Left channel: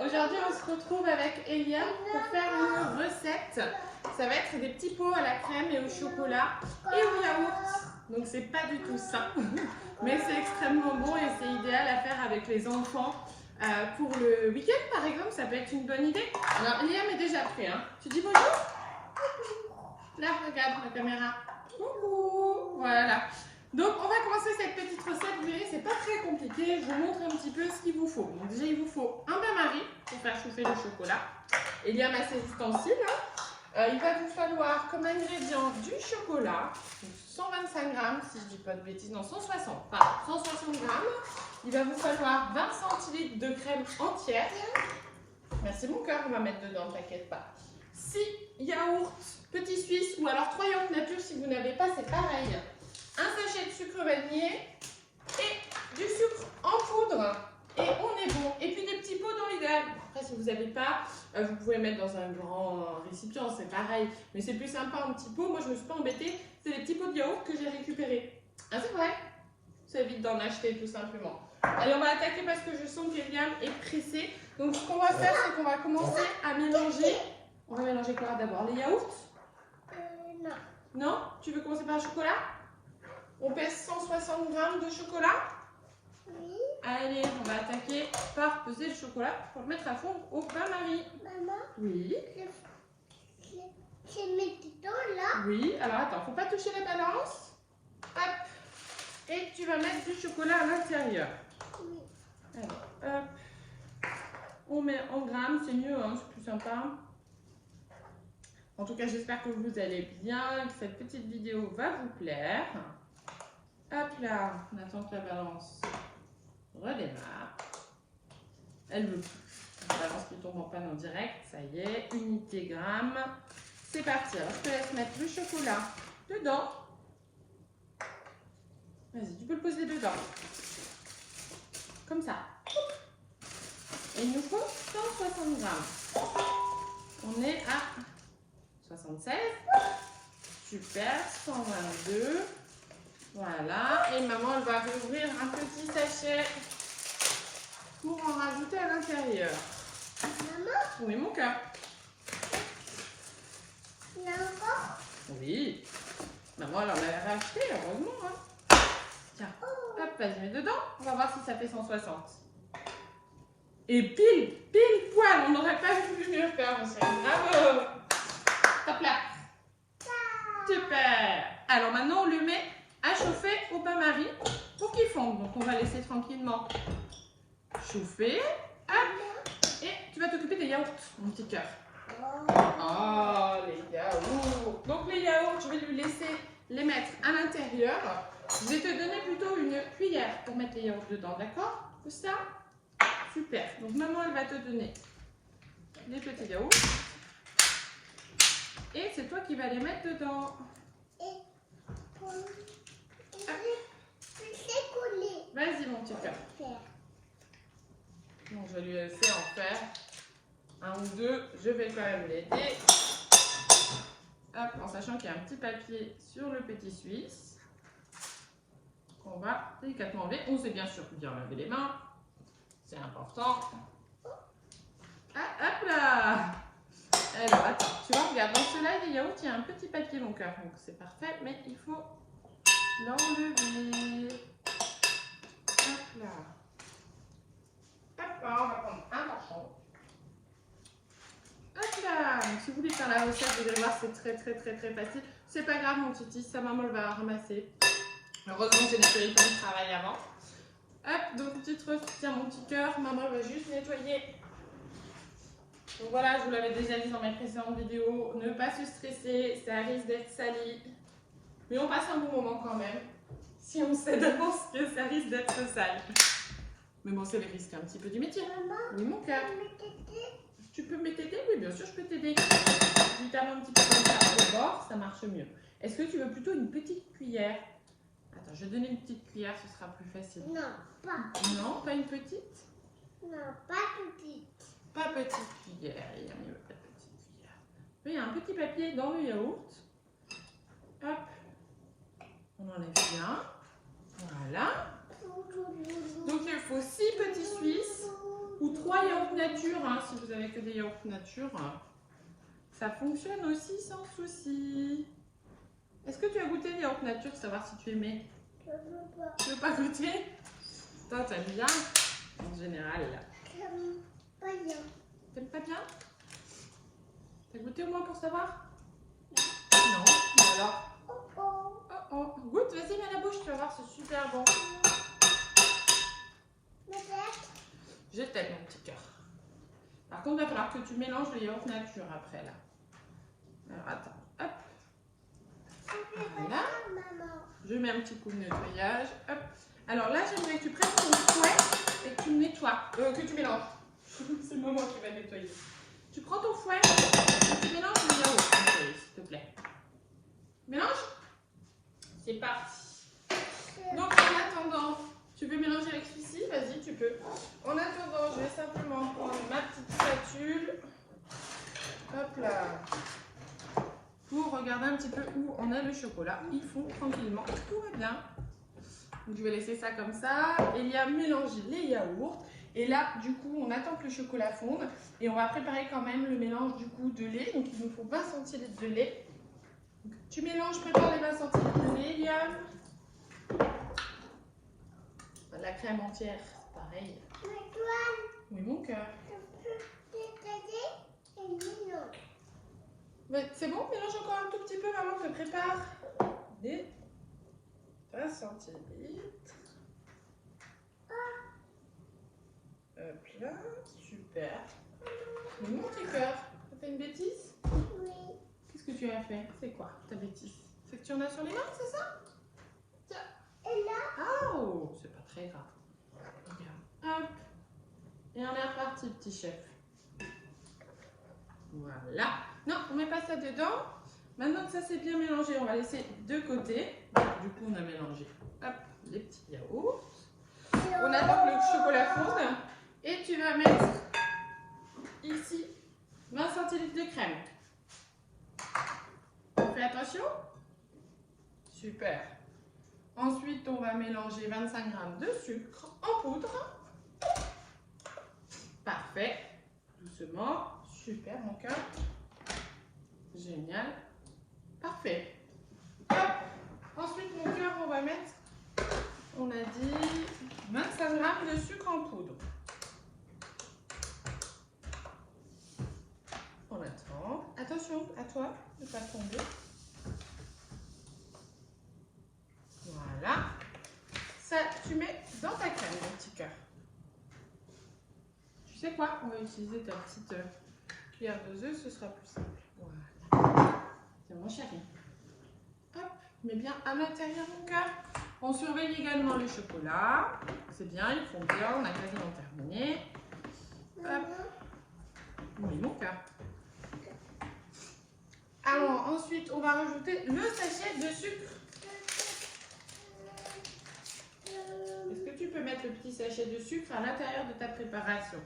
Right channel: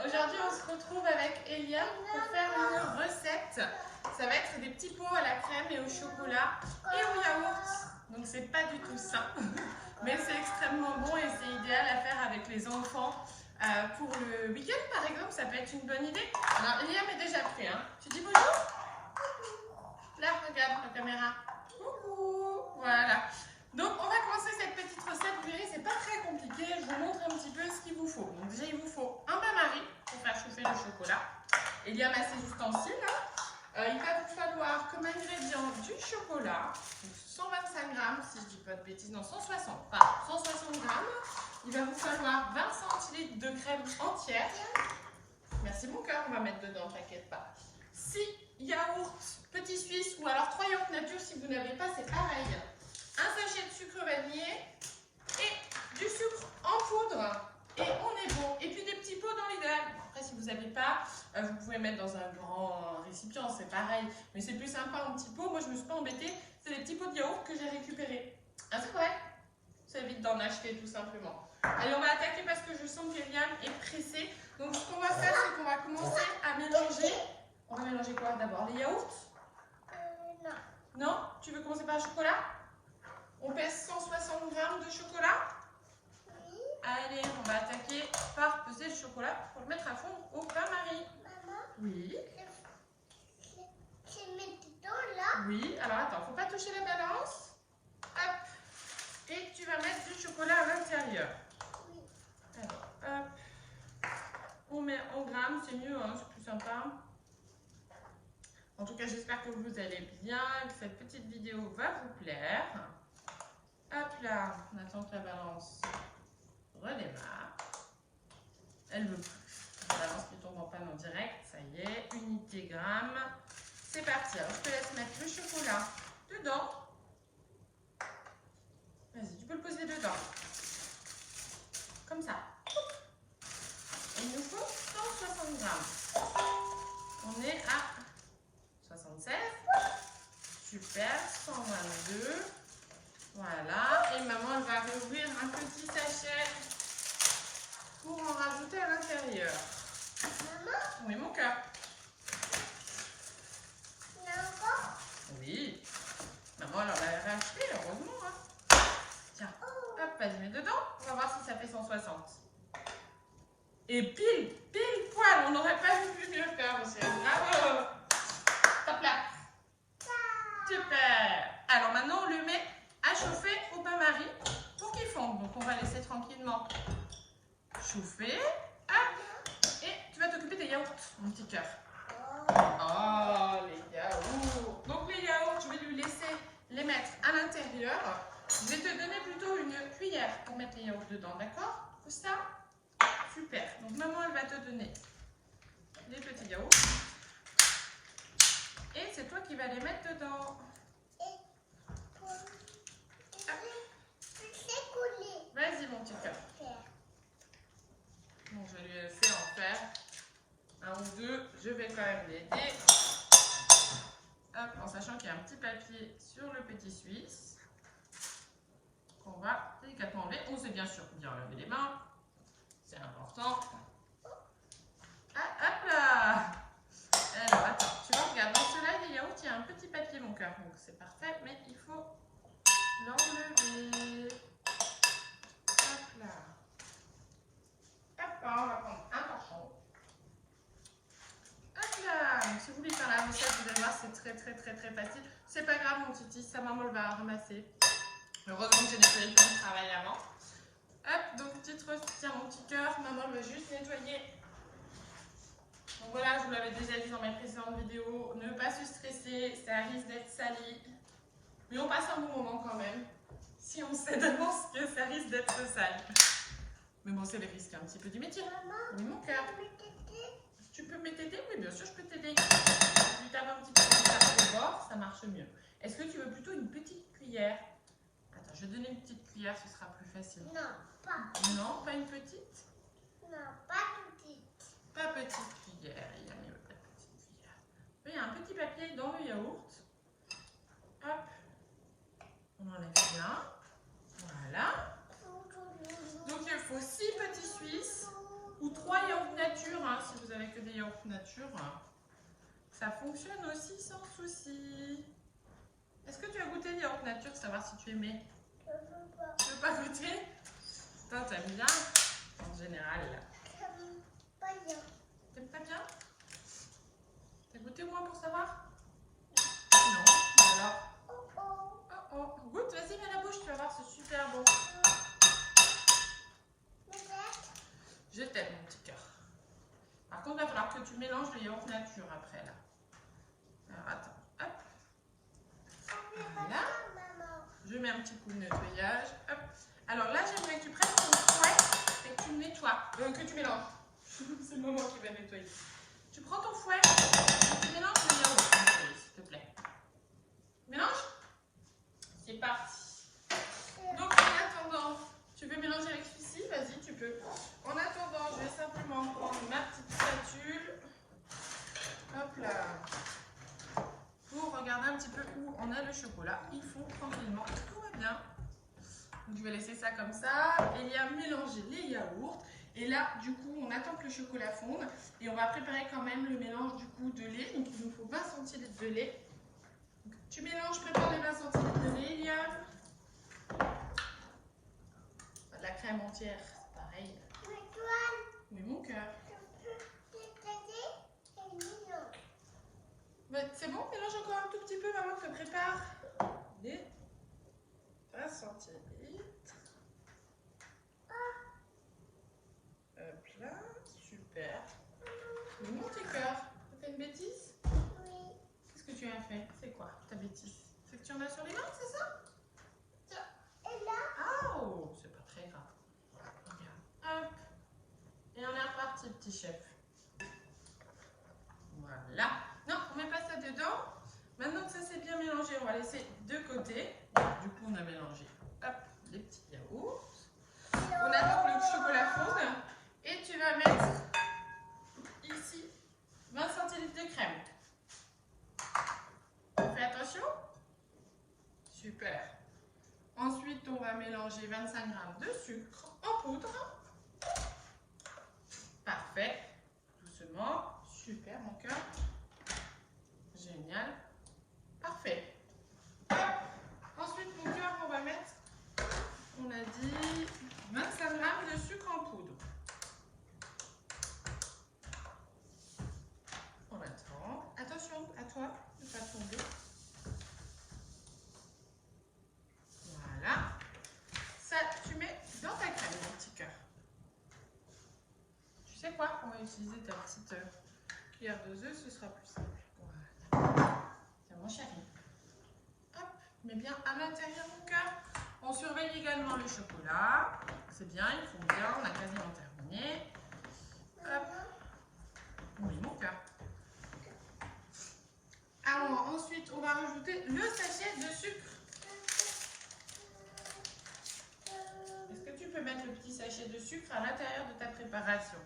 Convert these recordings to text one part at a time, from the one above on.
Aujourd'hui on se retrouve avec Eliam pour faire une recette. Ça va être des petits pots à la crème et au chocolat et au yaourt. Donc c'est pas du tout ça, mais c'est extrêmement bon et c'est idéal à faire avec les enfants. Pour le week-end par exemple, ça peut être une bonne idée. Alors Eliam est déjà prêt, hein. Tu dis bonjour? Là, regarde la caméra. Coucou. Voilà. Donc on va commencer cette petite recette. Vous verrez, c'est pas très compliqué. Je vous montre un petit peu ce qu'il vous faut. Donc déjà il vous faut un bain-marie pour faire chauffer le chocolat. Eliam a ses ustensiles. Il va vous falloir comme ingrédient du chocolat, donc 125 grammes si je dis pas de bêtises, non 160, pardon, 160 grammes. Il va vous falloir 20 centilitres de crème entière. Merci mon cœur, on va mettre dedans, t'inquiète pas. 6 yaourts petits suisses ou alors 3 yaourts nature si vous n'avez pas, c'est pareil. Un sachet de sucre vanillé et du sucre en poudre. Et on est bon. Et puis des petits pots dans l'idéal. Après, si vous n'avez pas, vous pouvez mettre dans un grand récipient, c'est pareil. Mais c'est plus sympa en petits pots. Moi, je ne me suis pas embêtée. C'est les petits pots de yaourt que j'ai récupérés. Ah, c'est vrai? Ça évite d'en acheter tout simplement. Allez, on va attaquer parce que je sens qu'Eliam est pressé. Donc, ce qu'on va faire, c'est qu'on va commencer à mélanger. On va mélanger quoi d'abord? Les yaourts? Non. Non? Tu veux commencer par le chocolat? On pèse 160 grammes de chocolat? Oui. Allez, on va attaquer par peser le chocolat pour le mettre à fondre au bain-marie. Maman, Oui. c'est mes tétons là. Oui, alors attends, faut pas toucher la balance. Hop. Et tu vas mettre du chocolat à l'intérieur. Oui. Alors, hop. On met en grammes, c'est mieux, hein, c'est plus sympa. En tout cas, j'espère que vous allez bien, que cette petite vidéo va vous plaire. Hop là, on attend que la balance redémarre. Elle veut plus. La balance qui tombe en panne en direct, ça y est, unité gramme. C'est parti. Alors, je te laisse mettre le chocolat dedans. Vas-y, tu peux le poser dedans. Comme ça. Et il nous faut 160 grammes. On est à 76. Super, 122. Voilà. Et maman, elle va réouvrir un petit sachet pour en rajouter à l'intérieur. Maman, Oui, mon cœur. il y a encore. Oui. Maman, elle en avait racheté, heureusement. Hein. Tiens, hop, vas-y, mets dedans. On va voir si ça fait 160. Et pile poil, on n'aurait pas vu mieux faire, mon chéri. Bravo. Top là. Super. Alors maintenant, on le met à chauffer au bain-marie pour qu'il fonde. Donc, on va laisser tranquillement chauffer. Hop. Et tu vas t'occuper des yaourts, mon petit cœur. Oh, les yaourts. Donc, les yaourts, je vais lui laisser les mettre à l'intérieur. Je vais te donner plutôt une cuillère pour mettre les yaourts dedans, d'accord? Comme ça. Super. Donc, maman, elle va te donner les petits yaourts. Et c'est toi qui vas les mettre dedans. Vas-y, mon petit cœur. Donc, je vais lui laisser en faire un ou deux. Je vais quand même l'aider. Hop, en sachant qu'il y a un petit papier sur le petit suisse. On va délicatement enlever. On sait bien sûr bien laver les mains. C'est important. Ah, hop là! Alors, attends, tu vois, regarde, dans ceux-là, les yaourts, il y a un petit papier, mon cœur. Donc, c'est parfait, mais il faut l'enlever. Hop là. Hop là, on va prendre un torchon. Hop là. Donc, si vous voulez faire la recette, vous allez voir, c'est très facile. C'est pas grave, mon titi, sa maman elle va ramasser. Heureusement que j'ai nettoyé le plan de travail avant. Hop, donc petite recette, tiens mon petit cœur, maman elle va juste nettoyer. Donc voilà, je vous l'avais déjà dit dans mes précédentes vidéos, ne pas se stresser, ça risque d'être sali. Mais on passe un bon moment quand même, si on sait d'avance que ça risque d'être sale. Mais bon, c'est le risque un petit peu du métier. Maman, Oui, mon cœur. Tu peux m'aider? Oui, bien sûr, je peux t'aider. Je termine un petit peu comme ça au bord, ça marche mieux. Est-ce que tu veux plutôt une petite cuillère? Attends, je vais donner une petite cuillère, ce sera plus facile. non, pas. Non, pas une petite? Non, pas petite. Pas petite cuillère, il y a mieux, pas de petite cuillère. Il y a un petit papier dans le yaourt. Hop, on enlève bien. Voilà. Donc il faut 6 petits Suisses ou 3 3 yaourts nature, hein, si vous avez que des yaourts nature. Ça fonctionne aussi sans souci. Est-ce que tu as goûté les yaourts nature, savoir si tu aimais? Je veux pas. Tu veux pas goûter? Toi, t'aimes bien en général. J'aime pas bien. T'aimes pas bien? T'as goûté au moins pour savoir? Non. Mais alors? Oh oh. Oh oh. Goûte, vas-y, mets à la bouche, tu vas voir, c'est super bon. Peut-être. Je t'aime, mon petit cœur. Par contre, il va falloir que tu mélanges le yaourt nature après, là. Alors, attends. Hop. Voilà. Maman. Je mets un petit coup de nettoyage. Hop. Alors là, j'aimerais que tu prennes ton fouet et que tu me nettoies. Que tu mélanges. C'est maman qui va nettoyer. Tu prends ton fouet et tu mélanges le yaourt, s'il te plaît. Mélange. C'est parti. Donc, en attendant, tu peux mélanger avec celui-ci. Vas-y, tu peux. En attendant, je vais simplement prendre ma petite spatule. Hop là. Pour regarder un petit peu où on a le chocolat. Il fond tranquillement. Tout va bien. Donc, je vais laisser ça comme ça. Elia mélanger les yaourts. Et là, du coup, on attend que le chocolat fonde. Et on va préparer quand même le mélange du coup de lait. Donc, il nous faut 20 centilitres de lait. Donc, tu mélanges, prépare les 20 centilitres de lait, Elia. La crème entière, c'est pareil. L'étoile. Oui, mon cœur. Je peux t'aider et mélange. C'est bon, mélange encore un tout petit peu, maman, je prépare les 20 centilitres. Hop là, super. Mon petit cœur, t'as fait une bêtise? Oui. Qu'est-ce que tu as fait? C'est quoi ta bêtise? C'est que tu en as sur les mains, c'est ça? Tiens. Et là. Oh, c'est pas très grave. Regarde, hop. Et on est reparti, petit chef. Voilà. Non, on met pas ça dedans. Maintenant que ça s'est bien mélangé, on va laisser de côté. Du coup, on a mélangé hop, les petits yaourts. On attend que le chocolat fonde. Et tu vas mettre ici 20 centilitres de crème. Fais attention. Super. Ensuite, on va mélanger 25 g de sucre en poudre. Parfait. Doucement. Super, mon cœur. Génial. Parfait. Hop. Ensuite, mon cœur, on va mettre, on a dit, 25 g de sucre en poudre. On attend. Attention à toi, ne pas tomber. Voilà. Ça, tu mets dans ta crème, mon petit cœur. Tu sais quoi? On va utiliser ta petite cuillère doseuse, ce sera plus simple. Voilà. C'est mon chéri. Hop, mets bien à l'intérieur, mon cœur. On surveille également le chocolat. C'est bien, ils font bien, on a quasiment terminé. Hop. Oui, mon cœur. Alors, ensuite, on va rajouter le sachet de sucre. Est-ce que tu peux mettre le petit sachet de sucre à l'intérieur de ta préparation?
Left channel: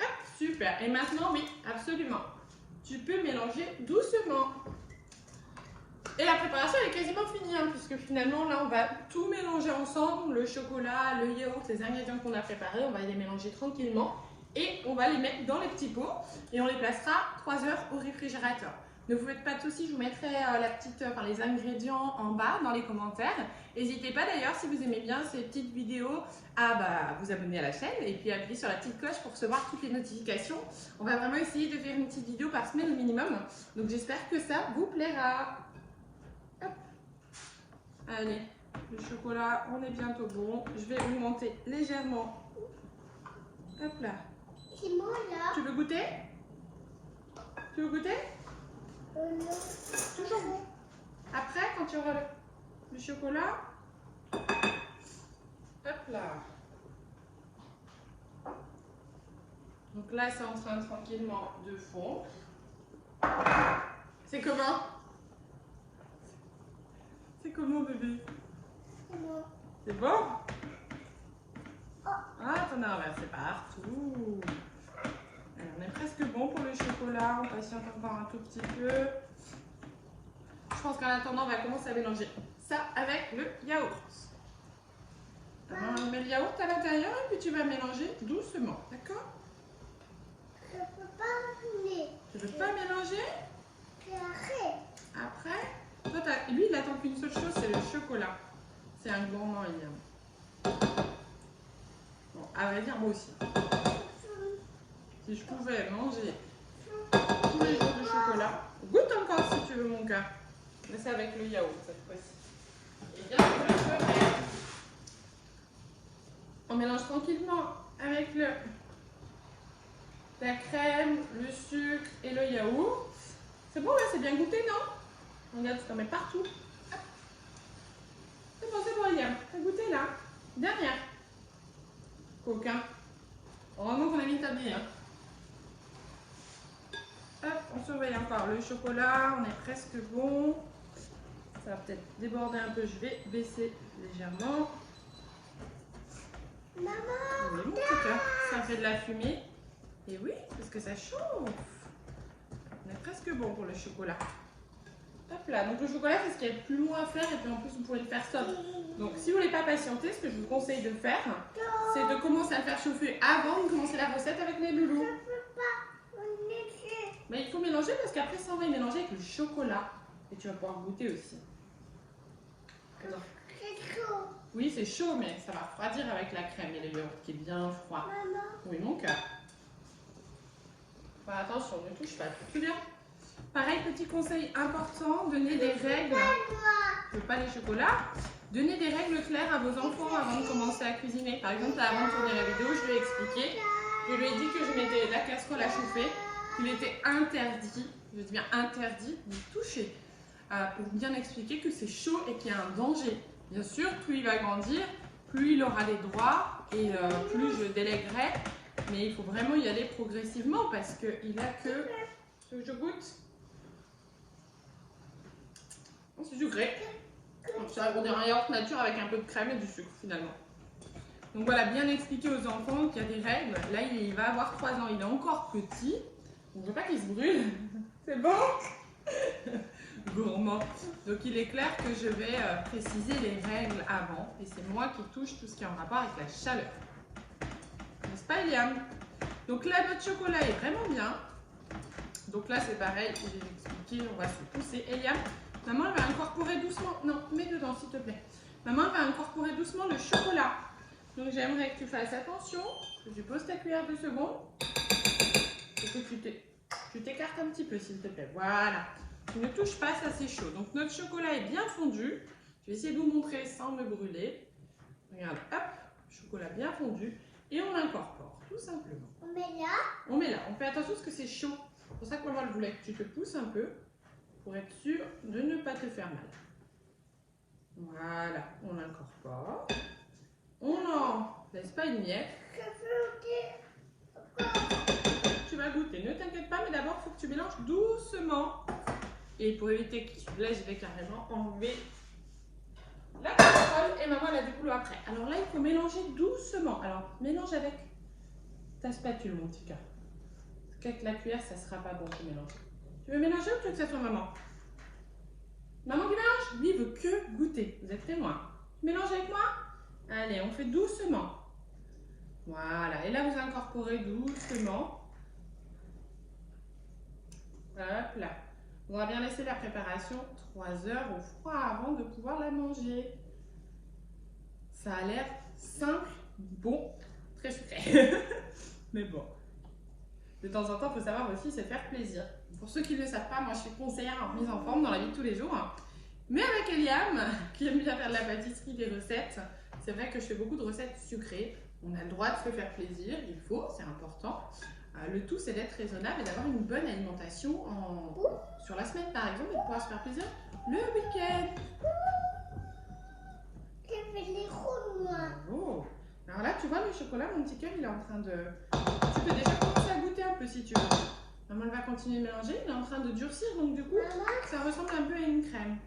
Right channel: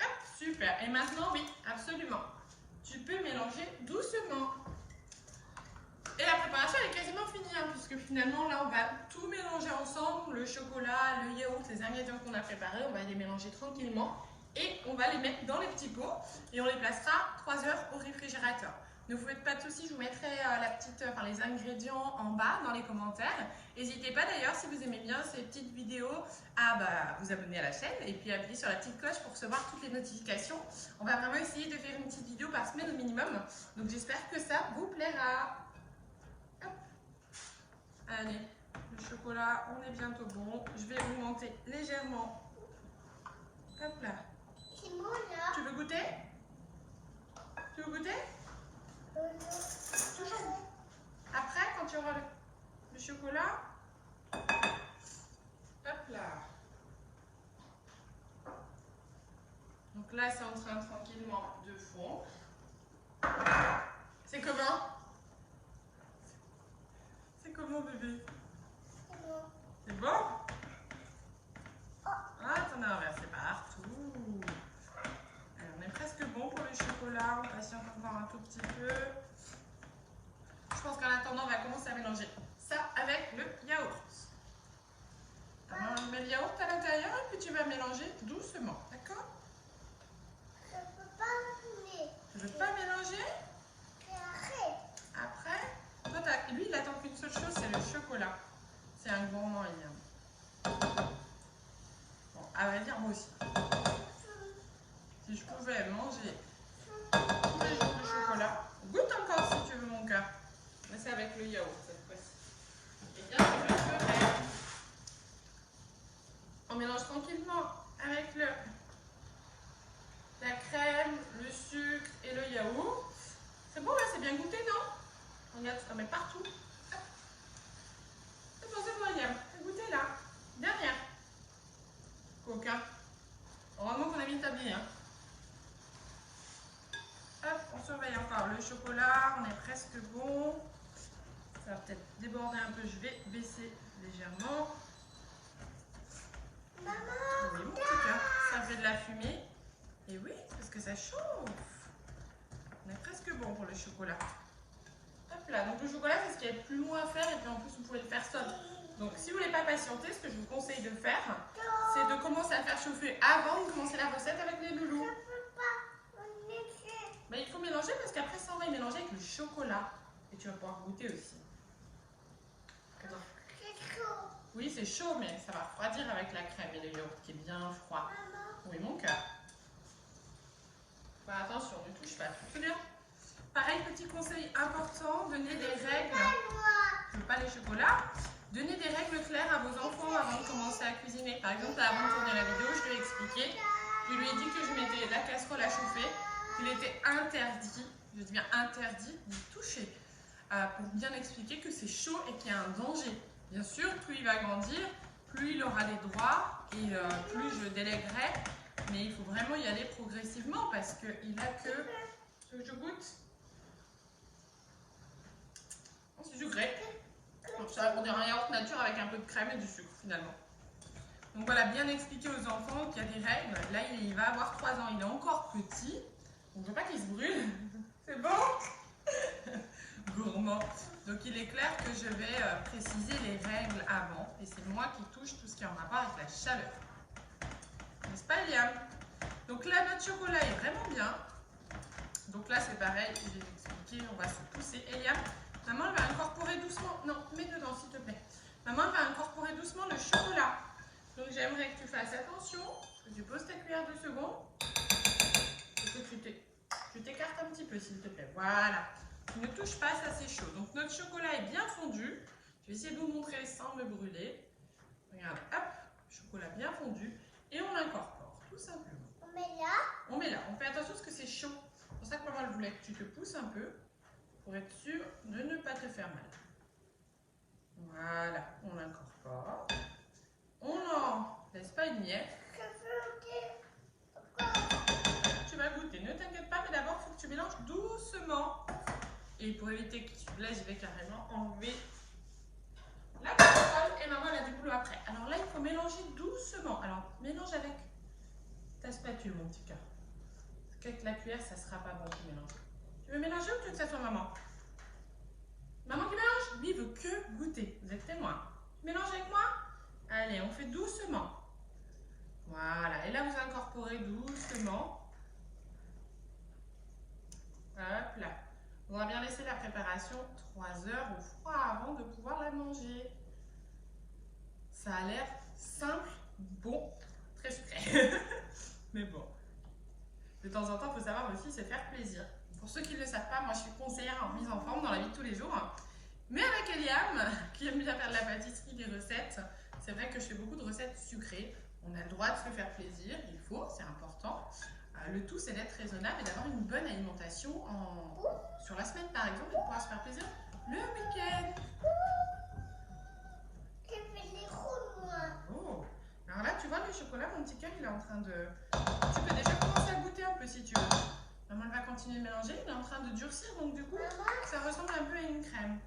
Hop, super. Et maintenant, oui, absolument. Tu peux mélanger doucement. Et la préparation elle est quasiment finie, hein, puisque finalement, là, on va tout mélanger ensemble. Le chocolat, le yaourt, les ingrédients qu'on a préparés, on va les mélanger tranquillement. Et on va les mettre dans les petits pots et on les placera 3 heures au réfrigérateur. Ne vous faites pas de soucis, je vous mettrai les ingrédients en bas dans les commentaires. N'hésitez pas d'ailleurs, si vous aimez bien ces petites vidéos, à vous abonner à la chaîne et puis appuyer sur la petite cloche pour recevoir toutes les notifications. On va vraiment essayer de faire une petite vidéo par semaine au minimum. Donc j'espère que ça vous plaira. Hop. Allez, le chocolat, on est bientôt bon. Je vais augmenter légèrement. Hop là. C'est moi là. Tu veux goûter? Tu veux goûter? Non. Toujours bon. Après, quand tu auras le chocolat, hop là. Donc là, c'est en train tranquillement de fondre. C'est comment? C'est comment, bébé? C'est moi. C'est bon? Ah, t'en as renversé partout. Alors, on est presque bon pour le chocolat. On patiente encore un tout petit peu. Je pense qu'en attendant, on va commencer à mélanger ça avec le yaourt. mets le yaourt à l'intérieur et puis tu vas mélanger doucement, d'accord? Je peux pas venir. Tu veux pas mélanger? Après, toi, lui, il attend qu'une seule chose, c'est le chocolat. C'est un gourmand, Eliam. Bon, à vrai dire, moi aussi. Si je pouvais manger tous les jours du chocolat, goûte encore si tu veux, mon cœur. Mais c'est avec le yaourt cette fois-ci. Et bien, je le ferai. On mélange tranquillement avec la crème, le sucre et le yaourt. C'est bon, là, c'est bien goûté, non? Regarde, tu t'en mets partout. C'est bon, Eliam. T'as goûté, là? Derrière. Coquin. Heureusement qu'on a mis le tablier. Hein. Hop, on surveille encore le chocolat. On est presque bon. Ça va peut-être déborder un peu. Je vais baisser légèrement. Maman. Oui, mon petit cœur. Ça fait de la fumée. Et oui, parce que ça chauffe. On est presque bon pour le chocolat. Hop là, donc le chocolat, c'est ce qu'il y a de plus long à faire et puis en plus, vous pouvez le faire seul. Donc, si vous voulez pas patienter, ce que je vous conseille de faire, c'est de commencer à le faire chauffer avant de commencer la recette avec les loulous. Mais il faut mélanger parce qu'après, ça, on va y mélanger avec le chocolat. Et tu vas pouvoir goûter aussi. C'est chaud. Oui, c'est chaud, mais ça va refroidir avec la crème et le yaourt qui est bien froid. Maman. Oui, mon cœur. Bah, attention, ne touche pas, tu te souviens? Pareil, petit conseil important, donnez des règles. Je veux pas les chocolats. Donnez des règles claires à vos enfants avant de commencer à cuisiner. Par exemple, là, avant de tourner la vidéo, je lui ai expliqué. Je lui ai dit que je mettais la casserole à chauffer, qu'il était interdit, je dis bien interdit, de toucher. Pour bien expliquer que c'est chaud et qu'il y a un danger. Bien sûr, plus il va grandir, plus il aura les droits et plus je délèguerai. Mais il faut vraiment y aller progressivement parce qu'il n'a que... Tu veux que je goûte? C'est sucré. C'est un yaourt nature avec un peu de crème et du sucre finalement. Donc voilà, bien expliquer aux enfants qu'il y a des règles. Là, il va avoir 3 ans, il est encore petit. On ne veut pas qu'il se brûle. C'est bon? Gourmand. Donc il est clair que je vais préciser les règles avant. Et c'est moi qui touche tout ce qui est en rapport avec la chaleur. N'est-ce pas, Eliam? Donc là, notre chocolat est vraiment bien. Donc là, c'est pareil, j'ai expliqué, on va se pousser. Eliam, maman, elle va incorporer doucement. Non, mets dedans, s'il te plaît. Maman, elle va incorporer doucement le chocolat. Donc j'aimerais que tu fasses attention, que tu poses ta cuillère 2 secondes. Et que tu t'écartes un petit peu, s'il te plaît. Voilà. Tu ne touches pas, ça c'est chaud. Donc notre chocolat est bien fondu. Je vais essayer de vous montrer sans me brûler. Regardez, hop, chocolat bien fondu. Et on l'incorpore, tout simplement. On met là. On met là. On fait attention parce que c'est chaud. C'est pour ça que maman elle voulait que tu te pousses un peu pour être sûr de ne pas te faire mal. Voilà, on l'incorpore. On n'en laisse pas une miette. Tu vas goûter, ne t'inquiète pas, mais d'abord il faut que tu mélanges doucement. Et pour éviter que tu... Là, je vais carrément enlever la casserole et maman elle a du boulot après. Alors là, il faut mélanger doucement. Alors, mélange avec ta spatule, mon petit cœur. Avec la cuillère, ça sera pas bon de mélanger. Tu veux mélanger ou tu veux que ça soit maman? Maman qui mélange? Lui, il veut que goûter. Vous êtes témoin. Mélange avec moi? Allez, on fait doucement. Voilà. Et là, vous incorporez doucement. Hop là. On va bien laisser la préparation 3 heures au froid avant de pouvoir la manger. Ça a l'air simple, bon, très sucré. Mais bon. De temps en temps, il faut savoir aussi se faire plaisir. Pour ceux qui ne le savent pas, moi je suis conseillère en mise en forme dans la vie de tous les jours. Mais avec Eliam, qui aime bien faire de la pâtisserie, des recettes, c'est vrai que je fais beaucoup de recettes sucrées. On a le droit de se faire plaisir, il faut, c'est important. Le tout, c'est d'être raisonnable et d'avoir une bonne alimentation sur la semaine, par exemple, et de pouvoir se faire plaisir le week-end. J'ai fait les ronds, moi. Bravo. Alors là, tu vois, le chocolat, mon petit cœur, il est en train de... Tu peux déjà commencer à goûter un peu si tu veux. Maman, elle va continuer de mélanger. Il est en train de durcir, donc du coup, ça ressemble un peu à une crème.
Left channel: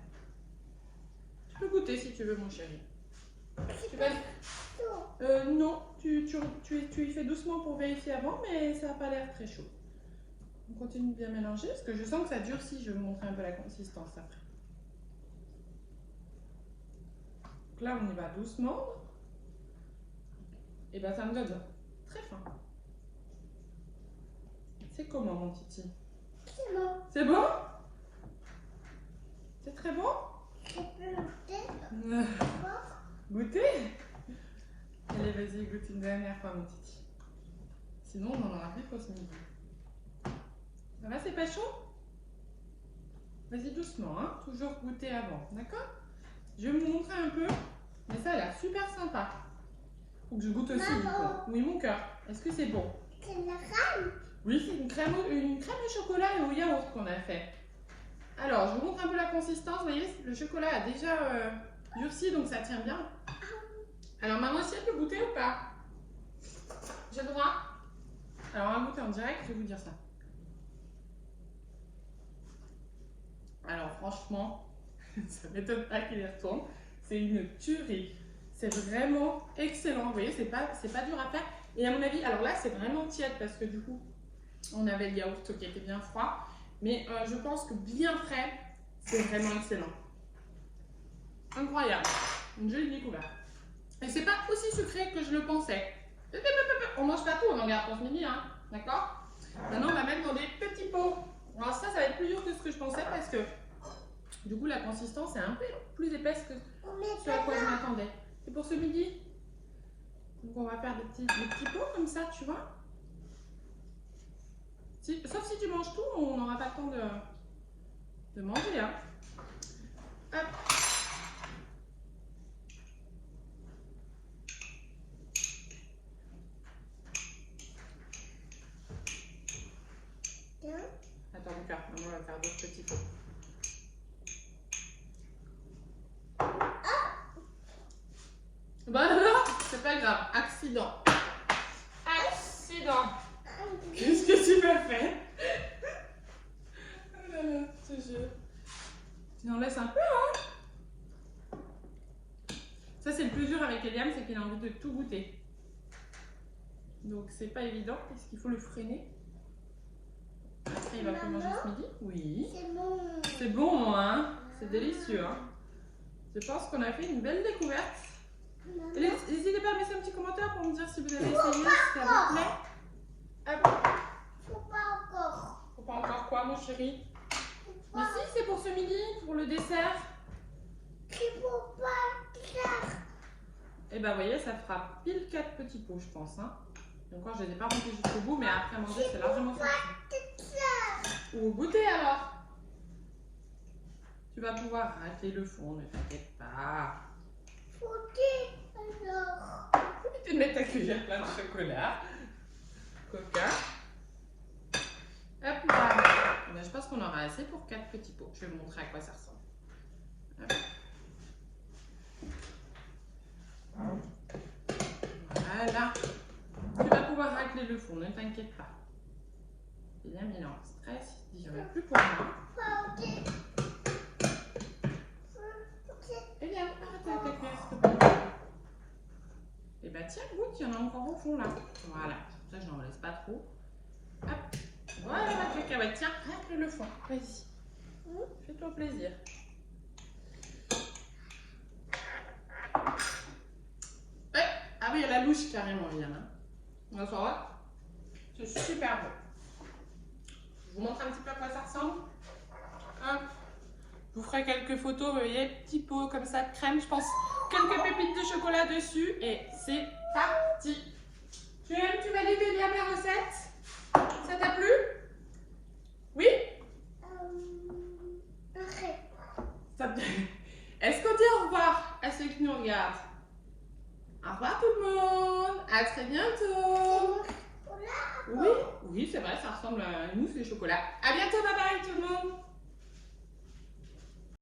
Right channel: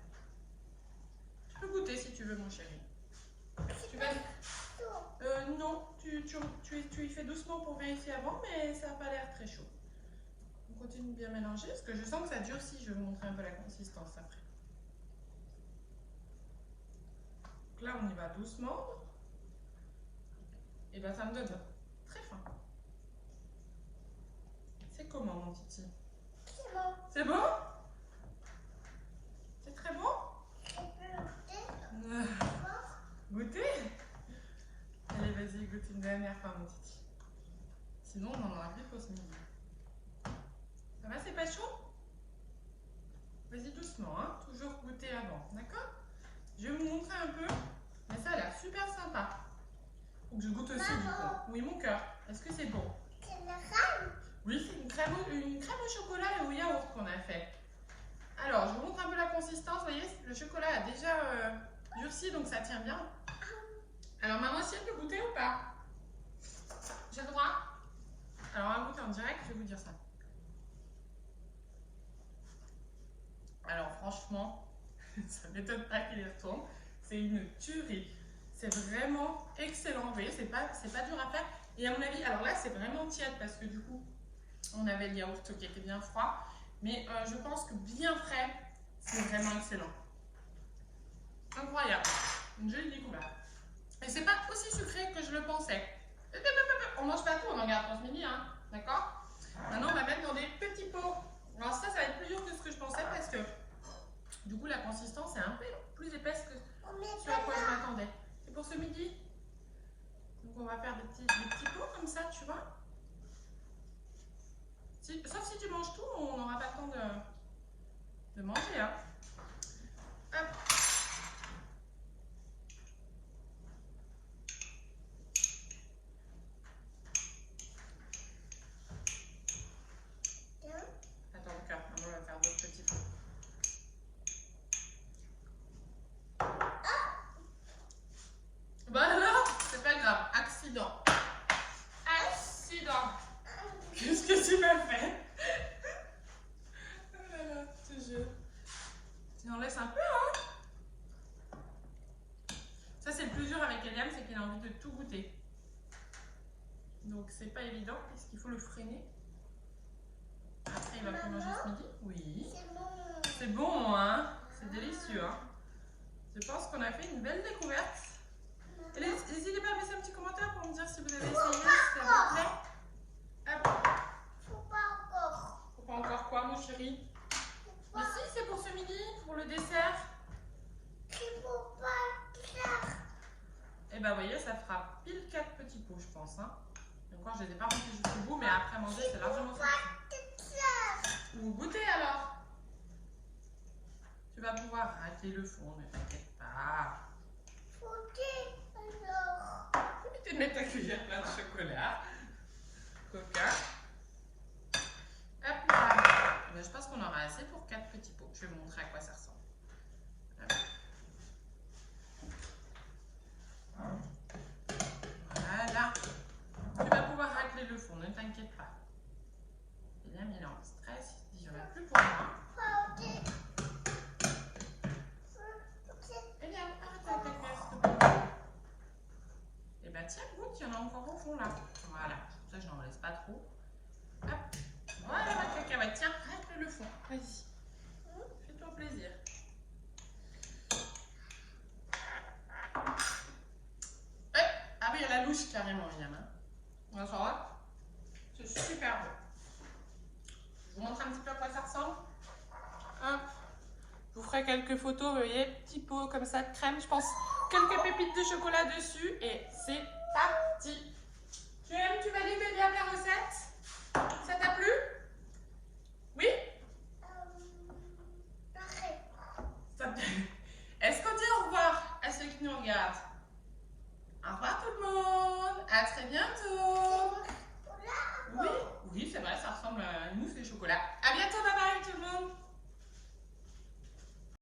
Tu peux goûter si tu veux, mon chéri. Tu vas... non, tu y fais doucement pour vérifier avant, mais ça n'a pas l'air très chaud. On continue de bien mélanger, parce que je sens que ça durcit. Je vais vous montrer un peu la consistance après. Donc là, on y va doucement. Et ben ça me donne très faim. C'est comment mon titi? C'est bon. C'est bon? C'est très bon? Je peux goûter. Goûter? Allez, vas-y, goûte une dernière fois, mon titi. Sinon, on en aura plus pour ce midi. Ça va, c'est pas chaud? Vas-y, doucement, hein? Toujours goûter avant, d'accord? Je vais vous montrer un peu, mais ça a l'air super sympa. Faut que je goûte aussi. Maman. Oui, mon cœur. Est-ce que c'est bon? C'est la crème. Oui, c'est une crème au chocolat et au yaourt qu'on a fait. Alors, je vous montre un peu la consistance. Vous voyez, le chocolat a déjà durci, donc ça tient bien. Alors, maman aussi, elle peut goûter ou pas? J'ai le droit? Alors, on va goûter en direct, je vais vous dire ça. Alors, franchement, ça m'étonne pas qu'il y retourne. C'est une tuerie. C'est vraiment excellent. Vous voyez, c'est pas dur à faire. Et à mon avis, alors là, c'est vraiment tiède parce que du coup, on avait le yaourt qui était bien froid. Mais je pense que bien frais, c'est vraiment excellent. Incroyable. Une jolie découverte. Et c'est pas aussi sucré que je le pensais. On mange pas tout, on en garde pour ce midi, hein. D'accord? Maintenant, on va mettre dans des petits pots. Alors ça va être plus dur que ce que je pensais parce que du coup, la consistance est un peu plus épaisse que ce à quoi je m'attendais. C'est pour ce midi. Donc, on va faire des petits pots comme ça, tu vois. Sauf si tu manges tout, on n'aura pas le temps de manger, hein. Hop. Attends, mon cœur, maman va faire d'autres petits pots. Bah alors, c'est pas grave. Accident. Accident. Qu'est-ce que tu m'as fait? Je te jure. Tu en laisses un peu, hein? Ça, c'est le plus dur avec Eliam, c'est qu'il a envie de tout goûter. Donc, c'est pas évident parce qu'il faut le freiner. Après, il va plus manger ce midi. Oui. C'est bon. C'est bon, hein? C'est délicieux, hein? Je pense qu'on a fait une belle découverte. N'hésitez pas à mettre un petit commentaire pour me dire si vous avez essayé, si ça vous plaît. Hop. Faut pas encore. Faut pas encore quoi, mon chéri? Mais si, c'est pour ce midi, pour le dessert. Il faut pas faire. Et ben, vous voyez, ça fera pile 4 petits pots, je pense, hein. Donc, je ne les ai pas remplis jusqu'au bout, mais après manger, c'est largement suffisant. Ou goûter alors. Tu vas pouvoir rater le fond, ne t'inquiète pas. Faut-il alors. Tu te mets ta cuillère plein de chocolat. Coca. Hop là. Eh bien, je pense qu'on aura assez pour 4 petits pots. Je vais vous montrer à quoi ça ressemble. Hop. Voilà. Tu vas pouvoir racler le fond, ne t'inquiète pas. William, il est en stress. Il dit, j'en ai plus pour moi. William, arrête ta cuillère, s'il te plaît. Et bah tiens, goûte, il y en a encore au fond là. Voilà. Ça, je n'en laisse pas trop. Hop. Voilà ma cacahuète. Tiens, racle le fond. Vas-y. Fais-toi plaisir. Ouais. Ah oui, il y a la louche carrément, William. Hein. On va voir. C'est super bon. Je vous montre un petit peu à quoi ça ressemble. Hop. Je vous ferai quelques photos, vous voyez, petits pots comme ça de crème. Je pense quelques pépites de chocolat dessus. Et c'est parti. Tu vas livrer bien la recette? Ça t'a plu? Oui? Est-ce qu'on dit au revoir à ceux qui nous regardent? Au revoir tout le monde. À très bientôt. Oui, oui, c'est vrai, ça ressemble à une mousse de chocolat. À bientôt, bye bye tout le monde.